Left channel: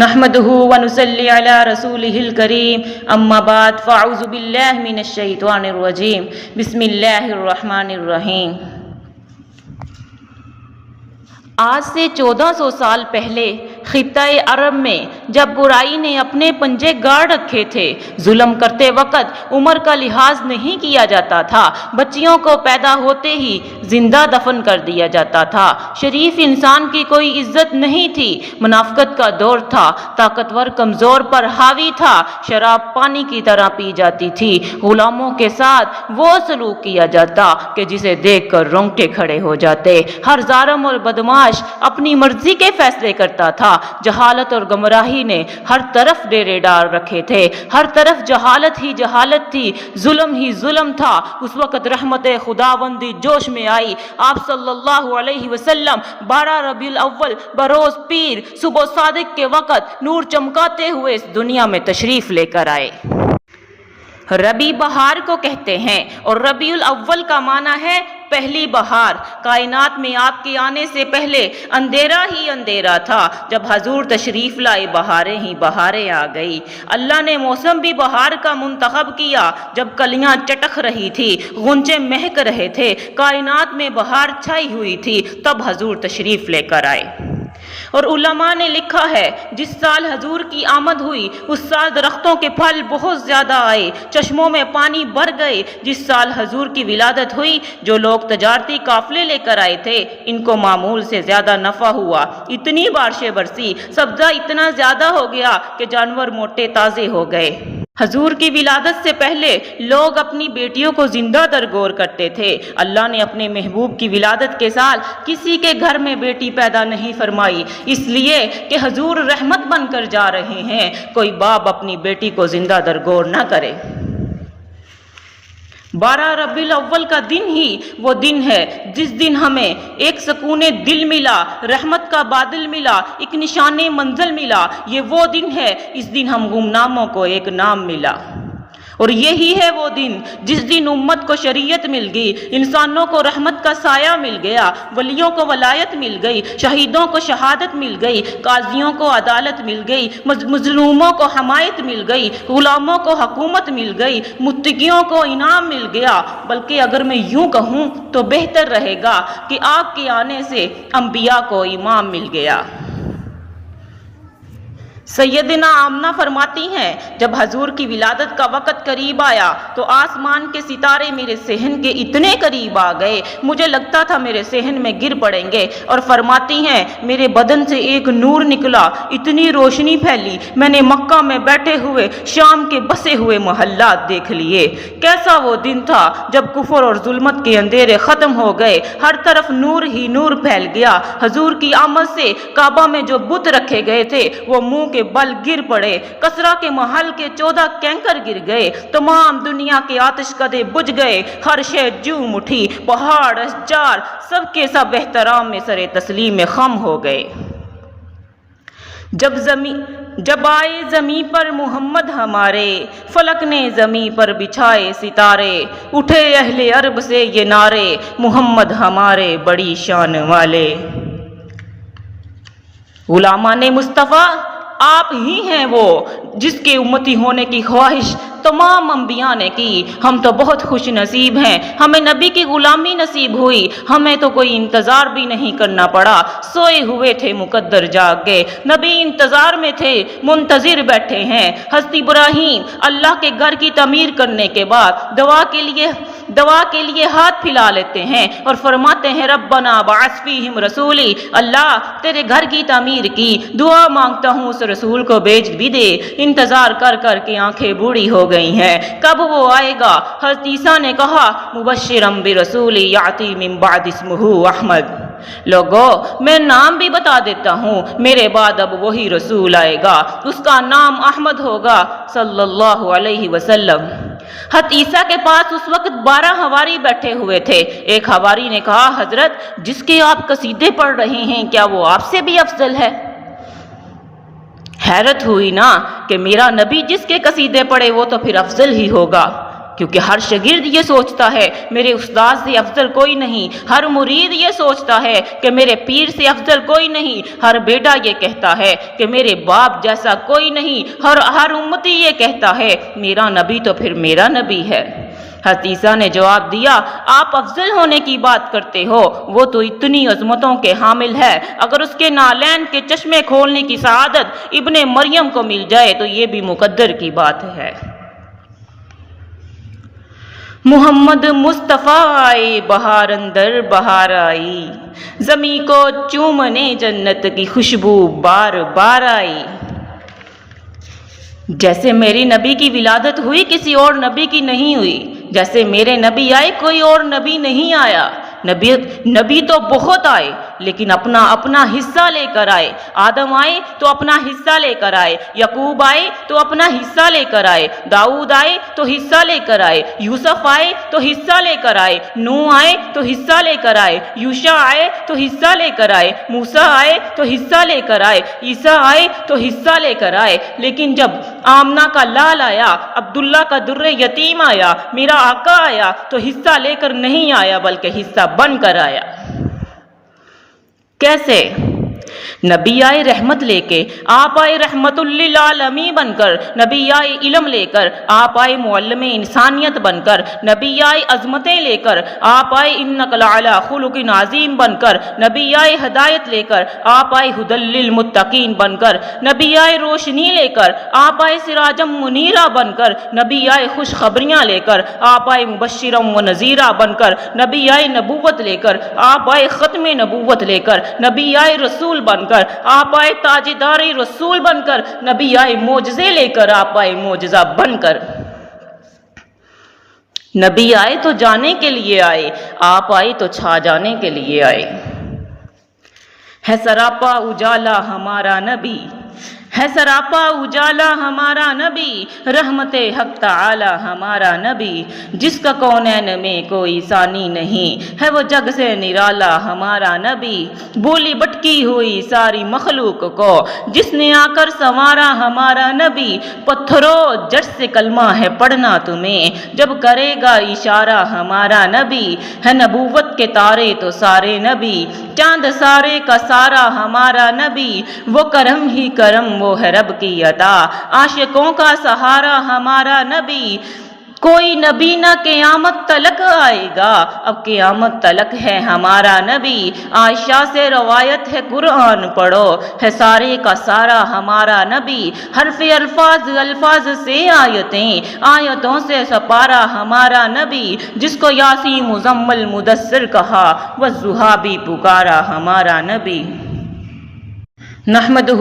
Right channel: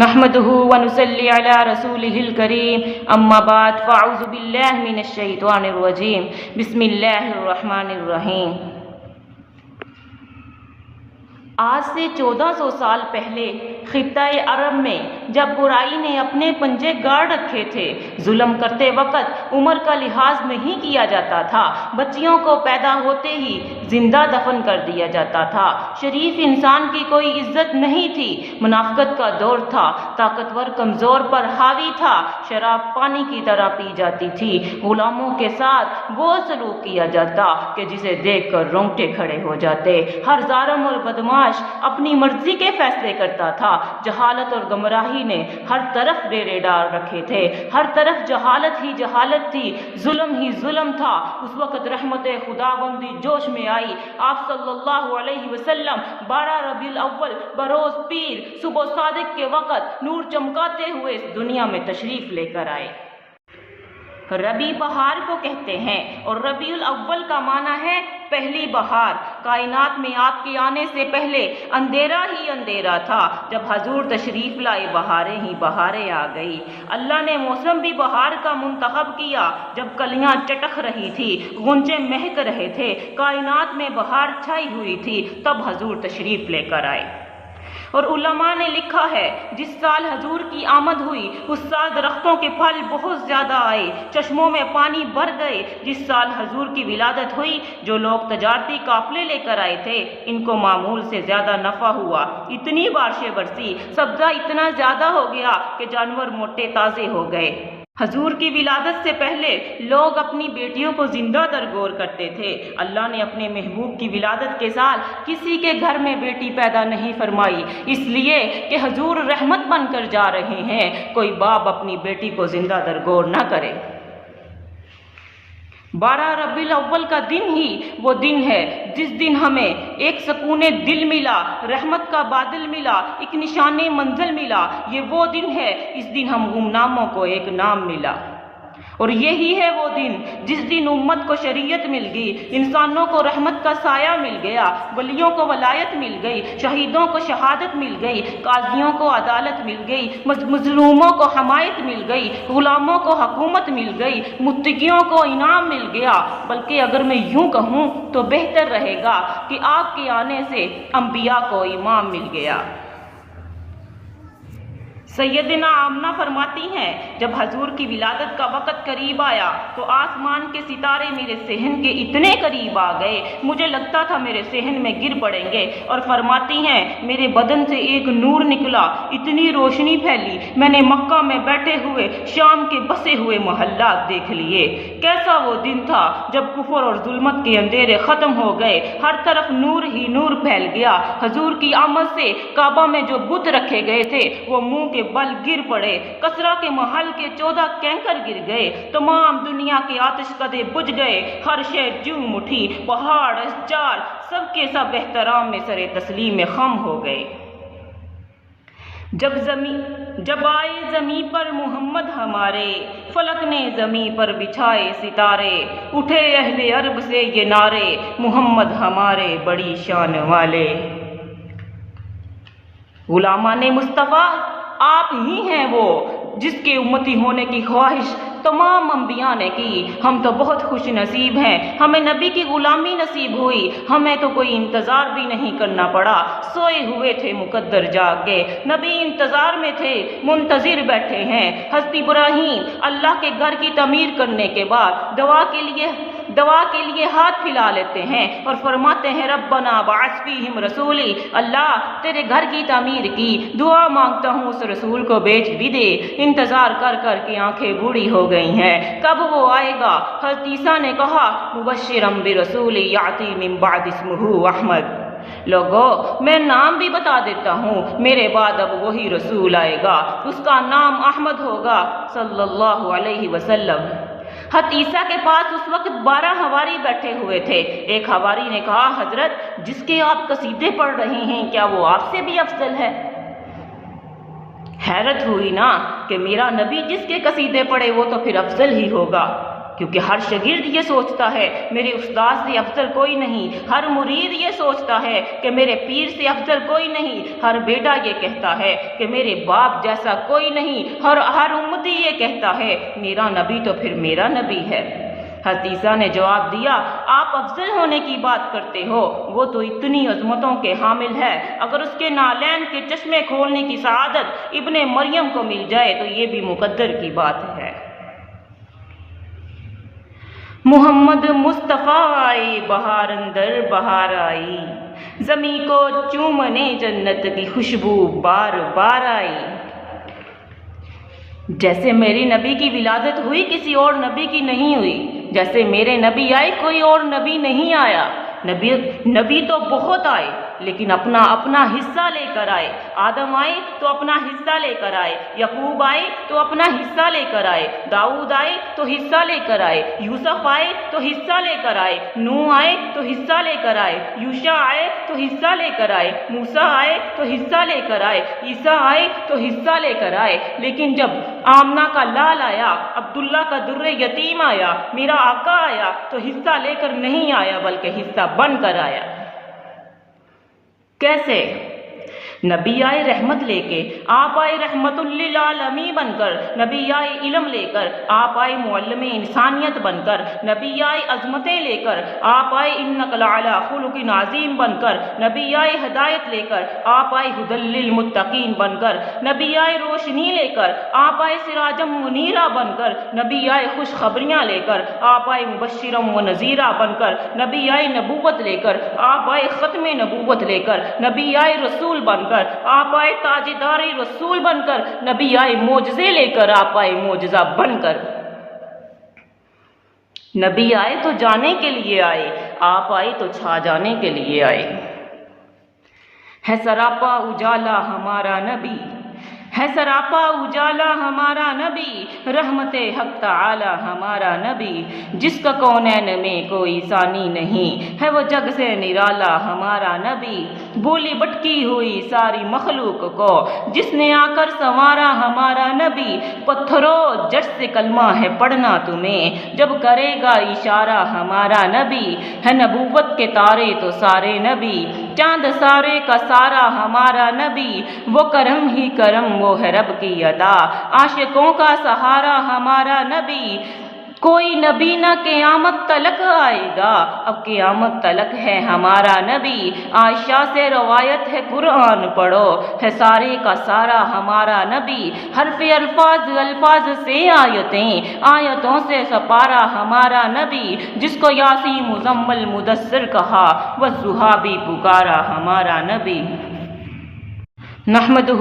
نحمده ونصلي على رسوله الكريم اما بعد فاعوذ بالله من الشیطان الرجیم بسم اللہ الرحمن الرحیم۔ آج سے 1400 سال پہلے خطہ عرب میں جب برائی نے اپنے پنجے گاڑ رکھے تھے، ظلم کرتے وقت عمر کا لحاظ نہیں کیا جاتا تھا، بچیوں کو پیدا ہوتے ہی زندہ دفن کر دیا جاتا تھا، شریف انسان کی کوئی عزت نہیں تھی، منافقت کا دور تھا، طاقتور کمزور پر حاوی تھا، شراب پانی کی طرح پی جاتی تھی، غلاموں کے ساتھ وہ سلوک کیا جاتا کہ جسے دیکھ کر رونگٹے کھڑے ہو جاتے، ہر ظالم اور بدماش اپنی مرضی کے فیصلے کرتا تھا، جہالت اور گمراہی نے ہر طرف ڈیرے ڈال رکھے تھے، ہر طرف جہالت ہی جہالت تھی، ظلم ہی ظلم تھا۔ اس وقت رحمت خداوندی جوش میں آئی، آپ صلی اللہ علیہ وسلم 12 ربیع الاول بروز پیر صبح صادق کے وقت نور چمکاتے ہوئے اس دنیا میں تشریف لے کر آئے۔ ربیع بہار کو کہتے ہیں اور ربیع الاول کا معنی ہے پہلی بہار۔ کائنات میں آپ کے آنے سے پہلے اندھیرا ہی اندھیرا تھا، جب حضور تشریف لائے بہاریں ہی بہاریں آ گئی۔ اللہ نے موسم بھی بہار کا منتخب کیا، جب کلیاں چٹک رہی تھی، غنچے مہک رہے تھے، کائنات میں بہار چھائی ہوئی تھی، تب حضور تشریف لے کر آئے۔ اور علماء نے لکھا ہے جس سال حضور کی آمد ہوئی اس سال درختوں کے پھل بہت زیادہ آئے، چشموں میں پانی بھر گئے۔ جس سال حضور کی ولادت ہوئی جو لوگ تجارتی قافلے لے کر آئے تھے ان کو معمول سے زیادہ نفع ہوا، اتنی بارشیں برسی، سبزہ اتنا زیادہ ہو گیا کہ جانور موٹے تازے ہو گئے۔ حضور کی ولادت سے پہلے لوگ اپنی بیٹیوں کو زندہ درگور کرتے تھے، اللہ نے اپنے محبوب کی ولادت کے سال کسی کے گھر میں بیٹی پیدا نہیں فرمائی، اس لیے کہ حضور رحمت بن کر جا رہے ہیں، کوئی باپ اپنی بیٹی کو زندہ درگور نہ کرے۔ 12 ربیع الاول کا دن ہی وہ دن ہے جس دن ہمیں ایک سکون دل ملا، رحمت کا بادل ملا، ایک نشان منزل ملا۔ یہ وہ دن ہے اس دن ہم گمناموں کو ایک نام ملا، اور یہی ہے وہ دن جس دن امت کو شریعت مل گئی، انسانوں کو رحمت کا سایہ مل گیا، ولیوں کو ولایت مل گئی، شہیدوں کو شہادت مل گئی، قاضیوں کو عدالت مل گئی، مظلوموں کو حمایت مل گئی، غلاموں کو حکومت مل گئی، متقیوں کو انعام مل گیا۔ بلکہ اگر میں یوں کہوں تو بہتر رہے گا کہ آپ کے آنے سے انبیاء کو امام مل گیا۔ سیدنا آمنہ فرماتی ہیں جب حضور کی ولادت کا وقت قریب آیا تو آسمان کے ستارے میرے صحن کے اتنے قریب آ گئے، مجھے لگتا تھا میرے صحن میں گر پڑیں گے، اور فرماتی ہیں میرے بدن سے ایک نور نکلا، اتنی روشنی پھیلی، میں نے مکہ میں بیٹھے ہوئے شام کے بسے ہوئے محلات دیکھ لیے۔ کیسا وہ دن تھا جب کفر اور ظلمت کے اندھیرے ختم ہو گئے، ہر طرف نور ہی نور پھیل گیا۔ حضور کی آمد سے کعبہ میں جو بت رکھے گئے تھے وہ منہ کے بل گر پڑے، کسرا کے محل کے 14 کینکر گر گئے، تمام دنیا کے آتش کدے بجھ گئے، ہر شے جوم اٹھی، پہاڑ اشجار سب کے سب احترام میں سر تسلیم میں خم ہو گئے۔ جب آئے زمیں پر محمد ہمارے، فلک نے زمیں پر بچھائے ستارے، اٹھے اہل عرب سے یہ نعرے، محمد ہمارے بڑی شان والے۔ غلامان مصطفیٰ آپ ہی ہیں وہ جس کے امتی ہونے کی خواہش تمام انبیاء نے کی، ہم تو بہت خوش نصیب ہیں، ہمیں نبی کی غلامی نصیب ہوئی، ہمیں تو کوئی انتظار بھی نہیں کرنا پڑا، سوئے ہوئے تھے مقدر جاگ گئے، نبی انتظار میں تھے منتظر بیٹھے ہیں۔ حضرت ابراہیم اللہ کے گھر کی تعمیر کرنے کے بعد دعا کے لیے ہاتھ پھیلا لیتے ہیں اور فرماتے ہیں ربنا بعث فیہم رسولی، اللہ تیرے گھر کی تعمیر کی دعا مانگتا ہوں اس رسول کو بھیج بھی دے۔ انتظار کر کر کے آنکھیں بوڑھی ہو گئی ہیں، کب وہ آئے گا؟ حضرت عیسیٰ نے کہا مبشرا برسول یاتی من بعد اسمہ احمد، لوگو میں نام بھی بتا دیتا ہوں، میرے بعد اب وہی رسول آئے گا، اس کا نام احمد ہوگا صلی اللہ علیہ وسلم۔ حضرت عیسیٰ کے پاس اس وقت 12 حواری بیٹھے ہوئے تھے۔ ایک حواری نے کہا حضرت جس کے آپ قصیدے پڑھ رہے ہیں کیا وہ آپ سے بھی افضل ہے؟ حیرت ہوئی نا کہ میرا نبی جس کے قصیدے پڑھے وہ تو پھر افضل ہی ہوگا۔ کیونکہ ہر شاگرد یہ سوچتا ہے میرے استاد سے افضل کوئی نہیں، ہر مرید یہ سوچتا ہے کہ میرے پیر سے افضل کوئی نہیں، ہر بیٹا یہ کہتا ہے کہ میرے باپ جیسا کوئی نہیں، ہر امتی یہ کہتا ہے میرا نبی تو پھر میرا نبی ہے۔ حضرت عیسیٰ نے جواب دیا، آپ افضل ہونے کی بات کرتے ہو، وہ تو اتنی عظمتوں کے حامل ہے، اگر اس کے نالین کے چشمے کھولنے کی سعادت ابن مریم کو مل جائے تو یہ بھی مقدر کی بات ہے۔ محمد مصطفیٰ آئے بہار اندر بہار آئی، زمیں کو چومنے جنت کی خوشبو بار بار آئی۔ جیسے میری نبی کی ولادت ہوئی کسی اور نبی کی نہیں ہوئی، جیسے میرے نبی آئے کوئی اور نبی نہیں آیا۔ نبی تو بہت آئے لیکن اپنا حصہ لے کر آئے۔ آدم آئے تو اپنا حصہ لے کر آئے، یعقوب آئے تو اپنا حصہ لے کر آئے، داؤد آئے تو حصہ لے کر آئے، یوسف آئے تو حصہ لے کر آئے، نوح آئے تو حصہ لے کر آئے، یوشع آئے تو حصہ لے کر آئے، موسیٰ آئے تو حصہ لے کر آئے، عیسیٰ آئے تو حصہ لے کر آئے۔ لیکن جب آمنہ کا لال آیا، عبداللہ کا در یتیم آیا، میرا آقا آیا تو حصہ لے کر نہیں آیا بلکہ حصہ بن کر آیا۔ کیسے؟ نبی آئے رحمت لے کے، آپ آئے رحمت للعالمین بن کر، نبی آئے علم لے کر، آپ آئے معلم انسانیت بن کر، نبی آئے عظمتیں لے کر، آپ آئے انک لعلی خلق عظیم بن کر، نبی آئے ہدایت لے کر، آپ آئے ھدی للمتقین بن کر، نبی آئے روشنی لے کر، آپ آئے سراجا منیرا بن کر، نبی آئے خوشخبریاں لے کر، آپ آئے مبشرا و نذیرا بن کر، نبی آئے نبوت لے کر، آپ آئے ختم نبوت لے کر، نبی آئے رسول بن کر، آپ آئے تاجدار رسول بن کر، نبی آئے معجزے لے کر، آپ آئے معجزہ بن کر۔ نبی آئے تو جانے کے لیے آئے، آپ آئے تو چھا جانے کے لیے آئے۔ ہے سراپا اجالا ہمارا نبی، ہے سراپا اجالا ہمارا نبی، رحمت حق تعالی ہمارا نبی، جس کا کونین میں کوئی ثانی نہیں، ہے وہ جگ سے نرالا ہمارا نبی، بولی بٹکی ہوئی ساری مخلوق کو جس نے آ کر سنوارا ہمارا نبی، پتھروں جٹ سے کلمہ ہے پڑھنا تمہیں جب کرے گا اشارہ ہمارا نبی، ہے نبوت کے تارے تو سارے نبی، چاند سارے کا سارا ہمارا نبی، وہ کرم ہی کرم وہ ہے رب کی عطا، عاشقوں کا سہارا ہمارا نبی، کوئی نبی نہ قیامت تلک آئے گا، اب قیامت تلک ہے ہمارا نبی، عائشہ سے روایت ہے قرآن پڑھو، ہے سارے کا سارا ہمارا نبی، حرف الفاظ سے آیتوں سے سپارا ہمارا نبی، جس کو یاسین مزمل مدثر کہا والضحیٰ بھی پکارا ہمارا نبی۔ نحمدہ